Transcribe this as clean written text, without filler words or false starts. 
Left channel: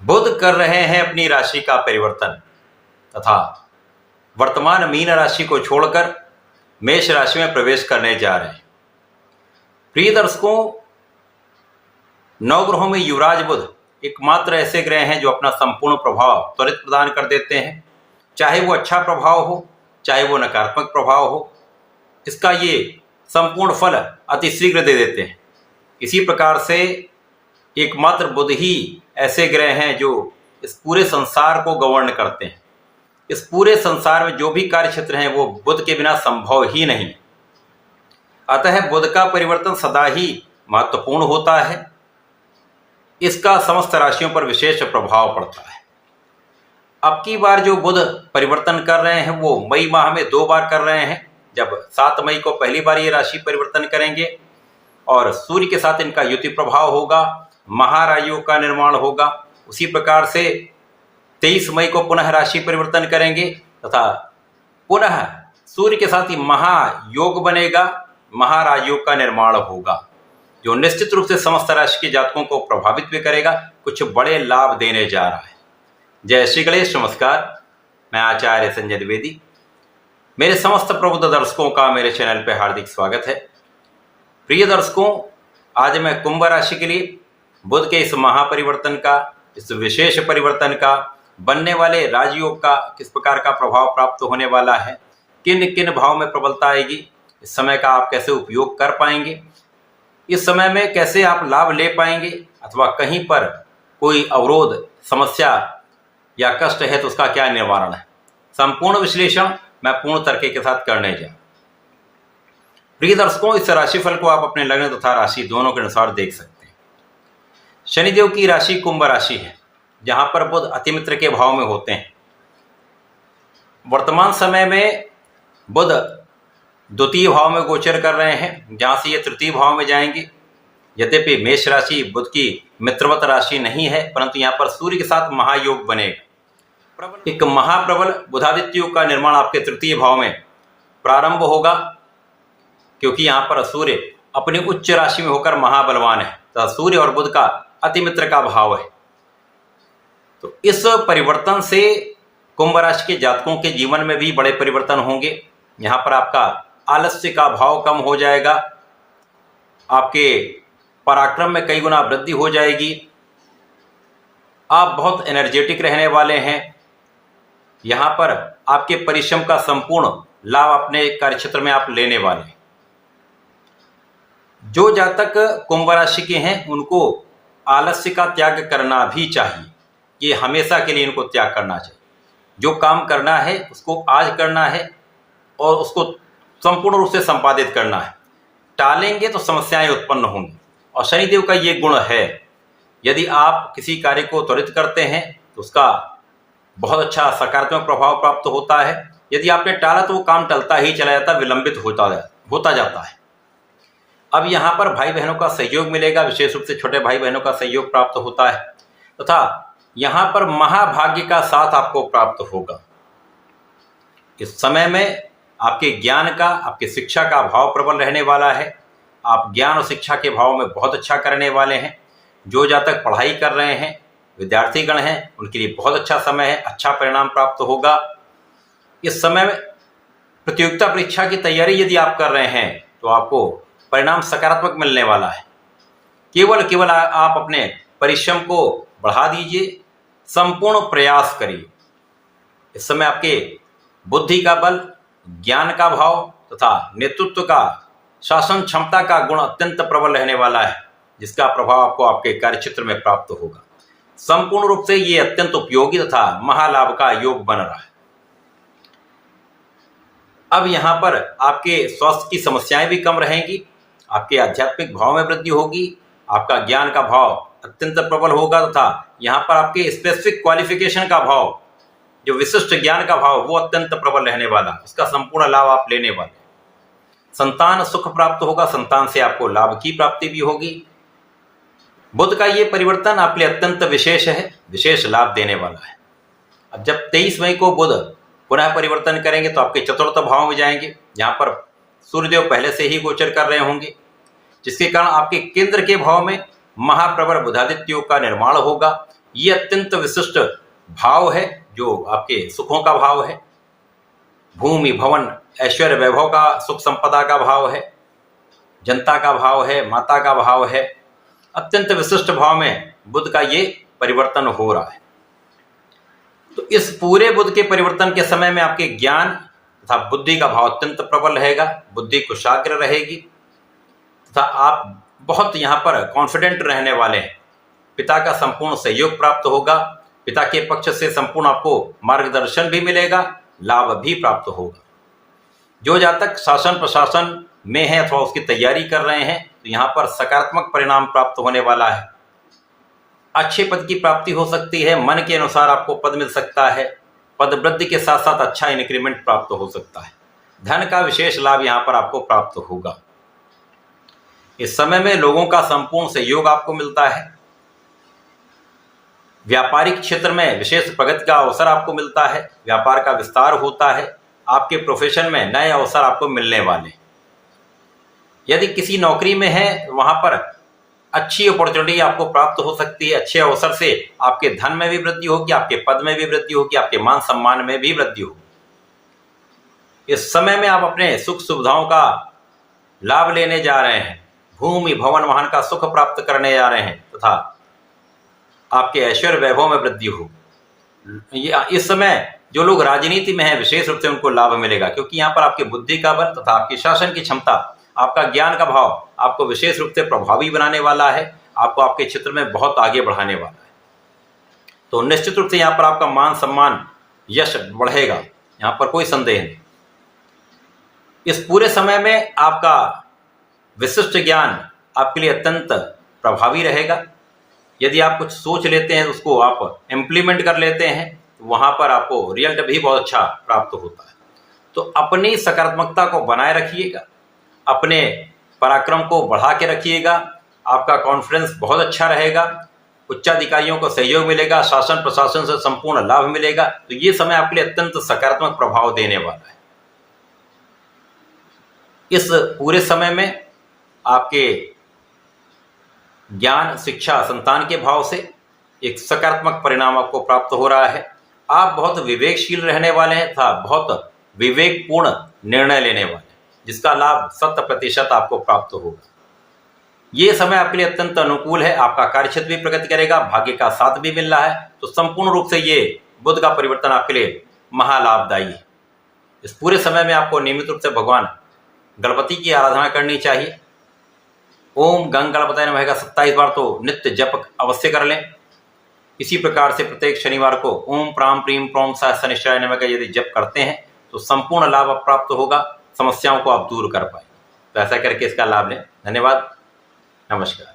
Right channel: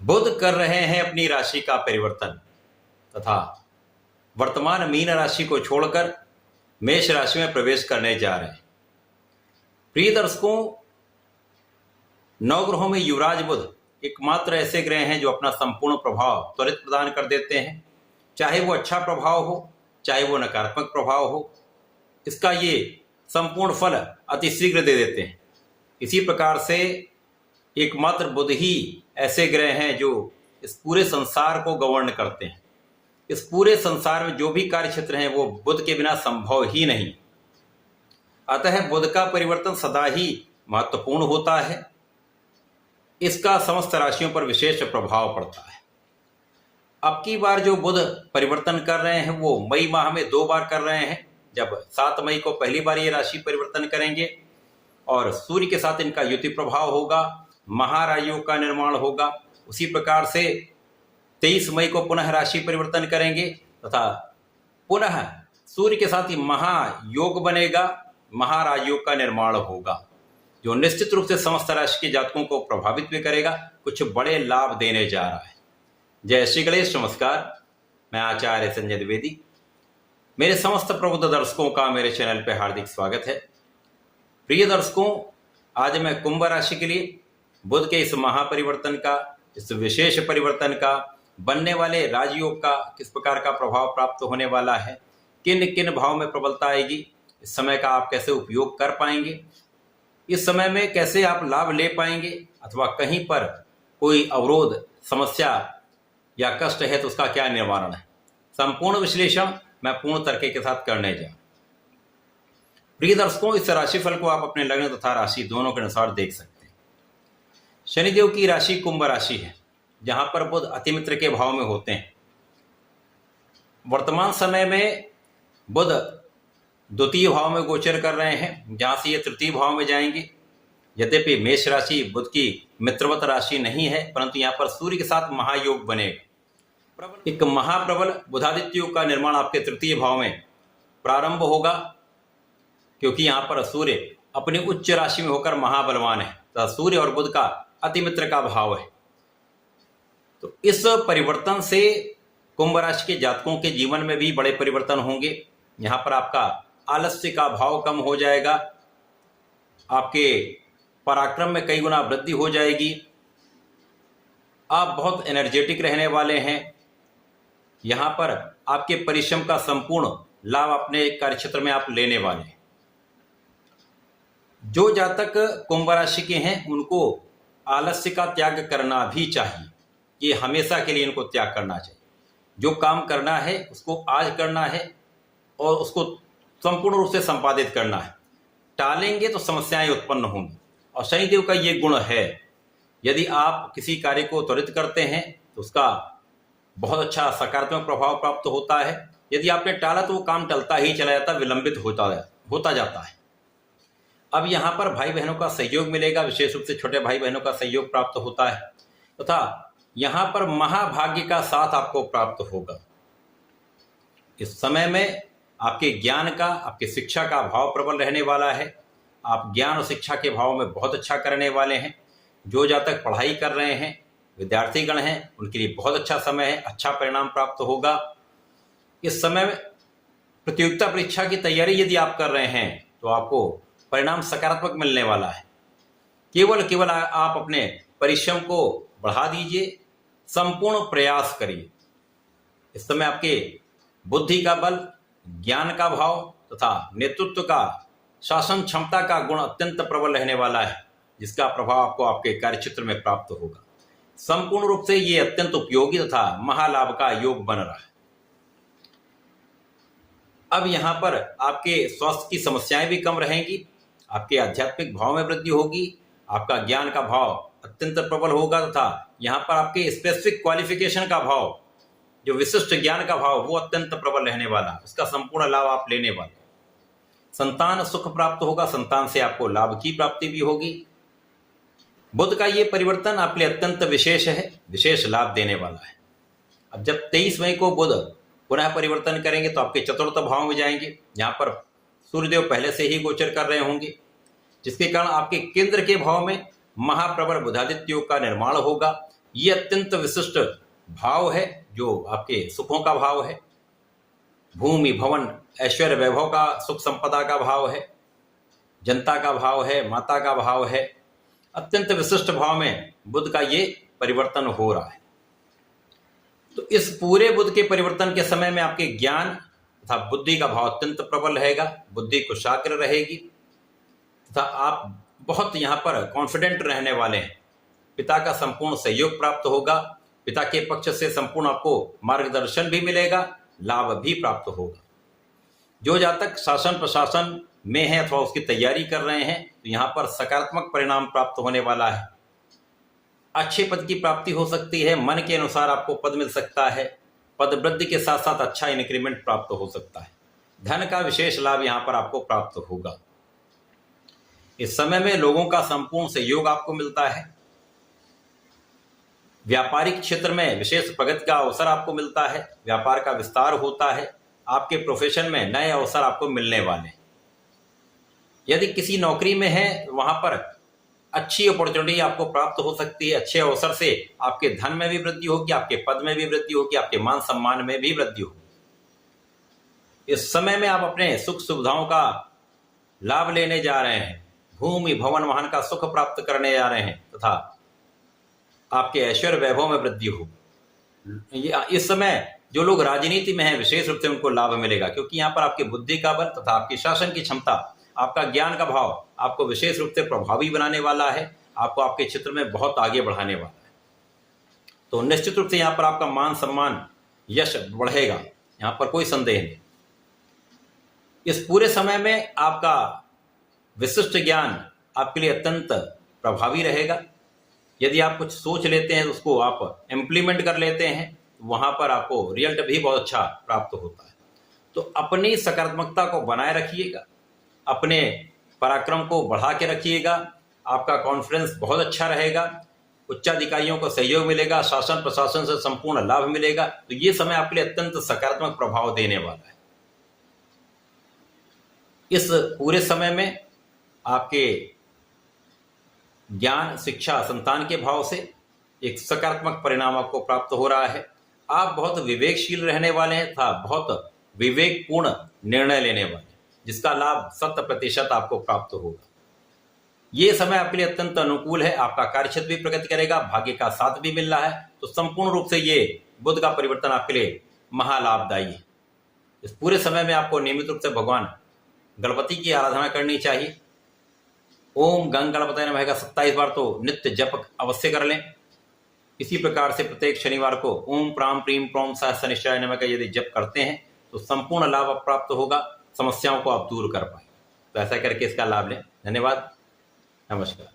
बुध कर रहे हैं अपनी राशि का परिवर्तन तथा वर्तमान मीन राशि को छोड़कर मेष राशि में प्रवेश करने जा रहे हैं। प्रिय दर्शकों, नवग्रहों में युवराज बुध एकमात्र ऐसे ग्रह हैं जो अपना संपूर्ण प्रभाव त्वरित प्रदान कर देते हैं, चाहे वो अच्छा प्रभाव हो चाहे वो नकारात्मक प्रभाव हो। इसका ये संपूर्ण फल अतिशीघ्र दे देते हैं। इसी प्रकार से एकमात्र बुध ही ऐसे ग्रह हैं जो इस पूरे संसार को गवर्न करते हैं। इस पूरे संसार में जो भी कार्य क्षेत्र हैं वो बुध के बिना संभव ही नहीं। अतः बुध का परिवर्तन सदा ही महत्वपूर्ण होता है। इसका समस्त राशियों पर विशेष प्रभाव पड़ता है। अब की बार जो बुध परिवर्तन कर रहे हैं वो मई माह में 2 बार कर रहे हैं। जब 7 मई को पहली बार ये राशि परिवर्तन करेंगे और सूर्य के साथ इनका युति प्रभाव होगा, महाराजयोग का निर्माण होगा। उसी प्रकार से 23 मई को पुनः राशि परिवर्तन करेंगे तथा पुनः सूर्य के साथ ही महायोग बनेगा, महाराजयोग का निर्माण होगा, जो निश्चित रूप से समस्त राशि के जातकों को प्रभावित भी करेगा, कुछ बड़े लाभ देने जा रहा है। जय श्री गणेश। नमस्कार, मैं आचार्य संजय द्विवेदी। मेरे समस्त प्रबुद्ध दर्शकों का मेरे चैनल पर हार्दिक स्वागत है। प्रिय दर्शकों, आज मैं कुंभ राशि के लिए बुध के इस महापरिवर्तन का, इस विशेष परिवर्तन का, बनने वाले राजयोग का किस प्रकार का प्रभाव प्राप्त होने वाला है, किन किन भाव में प्रबलता आएगी, इस समय का आप कैसे उपयोग कर पाएंगे, इस समय में कैसे आप लाभ ले पाएंगे, अथवा कहीं पर कोई अवरोध, समस्या या कष्ट है तो उसका क्या निवारण है, संपूर्ण विश्लेषण मैं पूर्ण तर्क के साथ करने जा। प्रिय दर्शकों, इस राशिफल को आप अपने लग्न तथा राशि दोनों के अनुसार देख सकते हैं। शनिदेव की राशि कुंभ राशि है, जहां पर बुध अतिमित्र के भाव में होते हैं। वर्तमान समय में बुध द्वितीय भाव में गोचर कर रहे हैं, जहां से ये तृतीय भाव में जाएंगे। यद्यपि मेष राशि बुध की मित्रवत राशि नहीं है, परंतु यहाँ पर सूर्य के साथ महायोग बनेगा। एक महाप्रबल बुधादित्य योग का निर्माण आपके तृतीय भाव में प्रारंभ होगा, क्योंकि यहाँ पर सूर्य अपनी उच्च राशि में होकर महाबलवान है तथा सूर्य और बुध का अतिमित्र का भाव है। तो इस परिवर्तन से कुंभ राशि के जातकों के जीवन में भी बड़े परिवर्तन होंगे। यहाँ पर आपका आलस्य का भाव कम हो जाएगा, आपके पराक्रम में कई गुना वृद्धि हो जाएगी, आप बहुत एनर्जेटिक रहने वाले हैं। यहाँ पर आपके परिश्रम का संपूर्ण लाभ अपने कार्यक्षेत्र में आप लेने वाले हैं। जो जातक कुंभ राशि के हैं उनको आलस्य का त्याग करना भी चाहिए। ये हमेशा के लिए इनको त्याग करना चाहिए। जो काम करना है उसको आज करना है और उसको संपूर्ण रूप से संपादित करना है। टालेंगे तो समस्याएं उत्पन्न होंगी। और शनिदेव का ये गुण है, यदि आप किसी कार्य को त्वरित करते हैं तो उसका बहुत अच्छा सकारात्मक प्रभाव प्राप्त होता है। यदि आपने टाला तो वो काम टलता ही चला जाता, विलंबित होता जाता है। अब यहाँ पर भाई बहनों का सहयोग मिलेगा, विशेष रूप से छोटे भाई बहनों का सहयोग प्राप्त होता है तथा यहाँ पर महाभाग्य का साथ आपको प्राप्त होगा। इस समय में आपके ज्ञान का, आपकी शिक्षा का भाव प्रबल रहने वाला है। आप ज्ञान और शिक्षा के भाव में बहुत अच्छा करने वाले हैं। जो जातक पढ़ाई कर रहे हैं, विद्यार्थीगण हैं, उनके लिए बहुत अच्छा समय है, अच्छा परिणाम प्राप्त होगा। इस समय में प्रतियोगिता परीक्षा की तैयारी यदि आप कर रहे हैं तो आपको परिणाम सकारात्मक मिलने वाला है। केवल आप अपने परिश्रम को बढ़ा दीजिए, संपूर्ण प्रयास करिए। इस समय आपके बुद्धि का बल, ज्ञान का भाव तथा नेतृत्व का, शासन क्षमता का गुण अत्यंत प्रबल रहने वाला है, जिसका प्रभाव आपको आपके कार्यक्षेत्र में प्राप्त होगा। संपूर्ण रूप से ये अत्यंत उपयोगी तथा महालाभ का योग बन रहा है। अब यहाँ पर आपके स्वास्थ्य की समस्याएं भी कम रहेंगी, आपके आध्यात्मिक भाव में वृद्धि होगी, आपका ज्ञान का भाव अत्यंत प्रबल होगा तथा यहाँ पर आपके स्पेसिफिक क्वालिफिकेशन का भाव, जो विशिष्ट ज्ञान का भाव, वो अत्यंत प्रबल रहने वाला, उसका संपूर्ण लाभ आप लेने वाले। संतान सुख प्राप्त होगा, संतान से आपको लाभ की प्राप्ति भी होगी। बुध का ये परिवर्तन आपके लिए अत्यंत विशेष है, विशेष लाभ देने वाला है। अब जब 23 मई को बुध पुनः परिवर्तन करेंगे तो आपके चतुर्थ भाव में जाएंगे, जहां पर सूर्यदेव पहले से ही गोचर कर रहे होंगे, जिसके कारण आपके केंद्र के भाव में महाप्रबल बुधादित्य योग का निर्माण होगा। ये अत्यंत विशिष्ट भाव है जो आपके सुखों का भाव है। भूमि भवन ऐश्वर्य वैभव का, सुख संपदा का भाव है, जनता का भाव है, माता का भाव है। अत्यंत विशिष्ट भाव में बुध का ये परिवर्तन हो रहा है। तो इस पूरे बुध के परिवर्तन के समय में आपके ज्ञान तथा बुद्धि का भाव अत्यंत प्रबल रहेगा, बुद्धि कुशाग्र रहेगी तथा आप बहुत यहाँ पर कॉन्फिडेंट रहने वाले हैं। पिता का संपूर्ण सहयोग प्राप्त होगा, पिता के पक्ष से संपूर्ण आपको मार्गदर्शन भी मिलेगा, लाभ भी प्राप्त होगा। जो जातक शासन प्रशासन में है अथवा उसकी तैयारी कर रहे हैं तो यहाँ पर सकारात्मक परिणाम प्राप्त होने वाला है। अच्छे पद की प्राप्ति हो सकती है, मन के अनुसार आपको पद मिल सकता है, पद वृद्धि के साथ साथ अच्छा इंक्रीमेंट प्राप्त हो सकता है, धन का विशेष लाभ यहाँ पर आपको प्राप्त होगा। इस समय में लोगों का संपूर्ण सहयोग आपको मिलता है। व्यापारिक क्षेत्र में विशेष प्रगति का अवसर आपको मिलता है, व्यापार का विस्तार होता है, आपके प्रोफेशन में नए अवसर आपको मिलने वाले। यदि किसी नौकरी में है वहां पर अच्छी अपॉर्चुनिटी आपको प्राप्त हो सकती है, अच्छे अवसर से आपके धन में भी वृद्धि होगी, आपके पद में भी वृद्धि होगी, आपके मान सम्मान में भी वृद्धि होगी। इस समय में आप अपने सुख सुविधाओं का लाभ लेने जा रहे हैं, भूमि भवन वाहन का सुख प्राप्त करने जा रहे हैं तथा आपके ऐश्वर्य वैभव में वृद्धि हो। इस समय जो लोग राजनीति में हैं विशेष रूप से उनको लाभ मिलेगा, क्योंकि यहाँ पर आपके बुद्धि का बल तथा आपकी शासन की क्षमता, आपका ज्ञान का भाव आपको विशेष रूप से प्रभावी बनाने वाला है, आपको आपके क्षेत्र में बहुत आगे बढ़ाने वाला है। तो निश्चित रूप से यहाँ पर आपका मान सम्मान यश बढ़ेगा, यहाँ पर कोई संदेह नहीं। इस पूरे समय में आपका विशिष्ट ज्ञान आपके लिए अत्यंत प्रभावी रहेगा। यदि आप कुछ सोच लेते हैं उसको आप इम्प्लीमेंट कर लेते हैं, वहां पर आपको रिजल्ट भी बहुत अच्छा प्राप्त होता है। तो अपनी सकारात्मकता को बनाए रखिएगा, अपने पराक्रम को बढ़ा के रखिएगा, आपका कॉन्फिडेंस बहुत अच्छा रहेगा, उच्चाधिकारियों को सहयोग मिलेगा, शासन प्रशासन से संपूर्ण लाभ मिलेगा। तो ये समय आपके लिए अत्यंत सकारात्मक प्रभाव देने वाला है। इस पूरे समय में आपके ज्ञान शिक्षा संतान के भाव से एक सकारात्मक परिणाम आपको प्राप्त हो रहा है। आप बहुत विवेकशील रहने वाले हैं तथा बहुत विवेकपूर्ण निर्णय लेने वाले हैं, जिसका लाभ 100% आपको प्राप्त होगा। ये समय आपके लिए अत्यंत अनुकूल है, आपका कार्यक्षेत्र भी प्रगति करेगा, भाग्य का साथ भी मिल रहा है। तो संपूर्ण रूप से ये बुध का परिवर्तन आपके लिए महालाभदायी है। इस पूरे समय में आपको नियमित रूप से भगवान गणपति की आराधना करनी चाहिए। ओम गंग गणपतये नमः का 27 बार तो नित्य जप अवश्य कर लें। इसी प्रकार से प्रत्येक शनिवार को ओम प्राम प्रीम प्रोम सह शनिश्चराय नमः का यदि जप करते हैं तो संपूर्ण लाभ प्राप्त होगा, समस्याओं को आप दूर कर पाएंगे। तो ऐसा करके इसका लाभ लें। धन्यवाद, नमस्कार।